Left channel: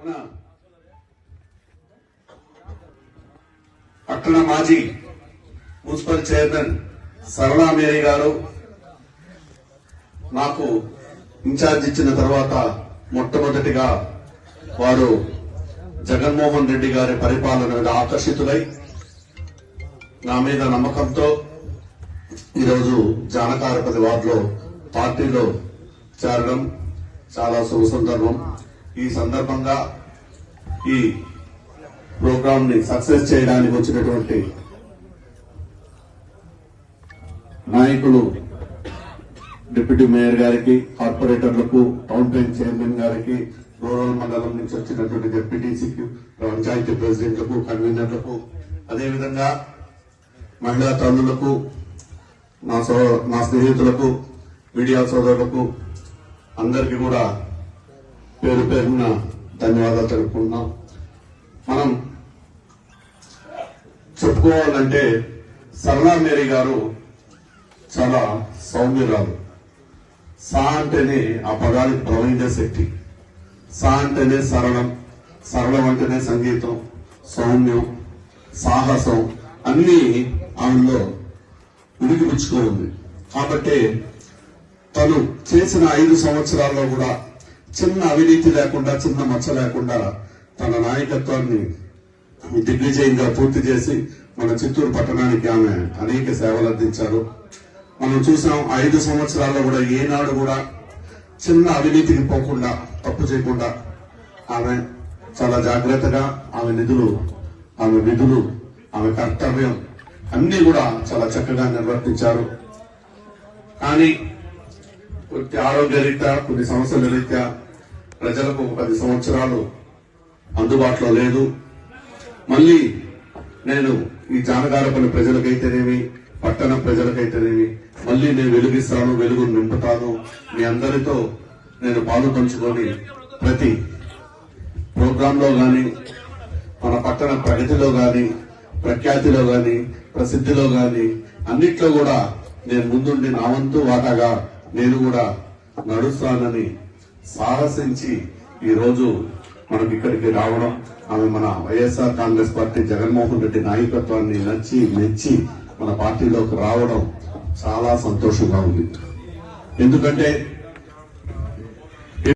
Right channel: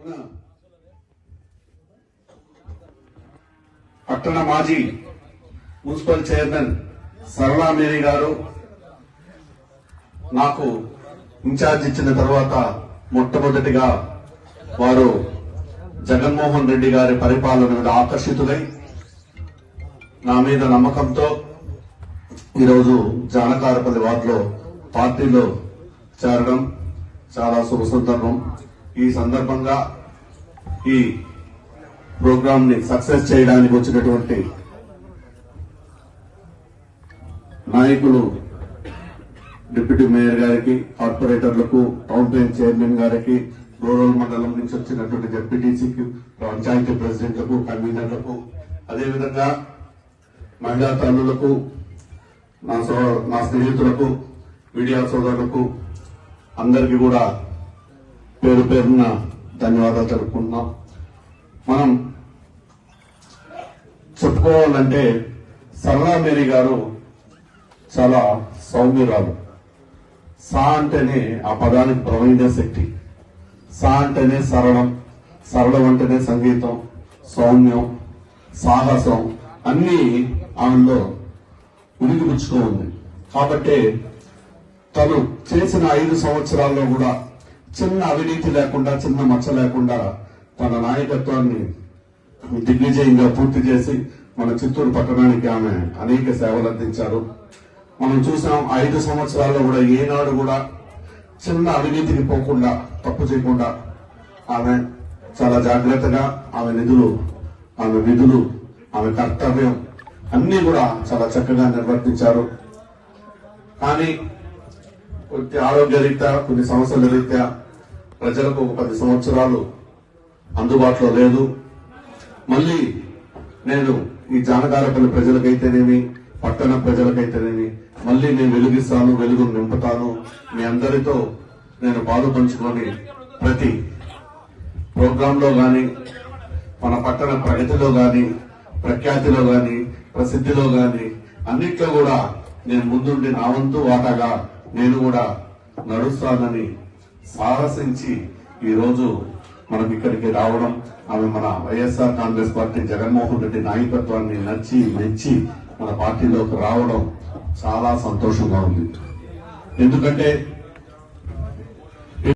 మన పట్టణ మాజీ మున్సిపల్ చైర్మన్ సరళా మేరీ గారు నాకు ఇన్ఛార్జ్ ఇచ్చిన తర్వాత మొట్టమొదటిగా వారు జగన్మోహన్ రెడ్డి గారి పరిపాలన మీద ఆకర్షితులై నా మీద నమ్మకంతో ఈరోజు జానకారపల్లి వార్డులో పార్టీలో చేరడం చాలా శుభ సందర్భం. ఈ సందర్భంగా ఈ ప్రోగ్రామ్ని సక్సెస్ చేయడానికి వచ్చినటువంటి నాయకులు డిప్యూటీ మేయర్ గారికి కార్పొరేటర్లకు టౌన్ ప్లాన్ చైర్మన్ గారికి గోవల్ మండలం నుంచి వచ్చినటువంటి డిప్యూటీసీకి పంచాయతీ ప్రెసిడెంట్లకు కన్వీనర్లకు అదేవిధంగా మహిళా తల్లులకు మా సో మా స్నేహితులకు మీడియా సోదరులకు అందరికీ కూడా పేరు పేరున ధన్యవాదాలు తెలుపుకుంటున్నాం. మనం చెప్పుకోవాలంటే సరళా మేరీ గారు చాలా సౌమ్యురాలు. సా అంటేనే ఆ పదానికి ప్రవహించే శక్తి. సా అంటేనే సరళం. సరళం అంటేనే సంగీతం సౌమ్యం సాహసం అన్ని ఆమెలో ఉనికిపుచ్చుతూ ఉంది. కాబట్టి తను చేసిన ఐదు సంవత్సరాల్లో కూడా చిన్న అవినీతి లేకుండా చిన్న మచ్చ లేకుండా తన నాయకత్వాన్ని దిగ్విజయంగా పూర్తి చేసి మన చిత్తూరు పట్టణానికి ఆమె అనేక సేవలు అందించారు. మనం చూసాం ఐదు సంవత్సరాల్లో కూడా ఏనాడు కూడా చిన్న అవినీతికి పోకుండా తప్పు చేయకుండా ఆమె చాలా జాగ్రత్తగా ఆమె నిధులు ఆమె విధులు ఆమె కర్తవ్యం అన్ని కూడా చాలా చక్కగా నిర్వర్తించారు. కానీ కొద్ది ఆరోగ్య రీత్యా కొన్ని సమస్యల రీత్యా ప్రజలకు ఒక పది సంవత్సరాలు అందుబాటులో లేదు. మళ్ళీ నేను ఈ జానకారకుల ప్రజలకైతేనేమి పట్టణ ప్రజలకైతేనేమి మళ్ళీ నేను వెలుగిస్తాను వెలుగు నింపుతాను. మీ అందరితో నేను పాలు పంచుకొని ప్రతి ప్రోగ్రామ్లో గాని మన పట్టణ ప్రగతిలో గాని ప్రఖ్యాతిలో గాని ప్రసిద్ధిలో గాని అన్నిట్లో కూడా నేను ముందుండి నా వంతు వాటాగా నేను కూడా నడుస్తానని సాహసించి ఈ రోజు ఇక్కడికి రావడం ఆమె మన వైఎస్ఆర్ కాంగ్రెస్ పార్టీ జగన్మోహన్ రెడ్డి నాయకత్వాన్ని నచ్చి మెచ్చి మన పార్టీలోకి రావడం చాలా సంతోషంగా ఉంది. ఎందుకంటే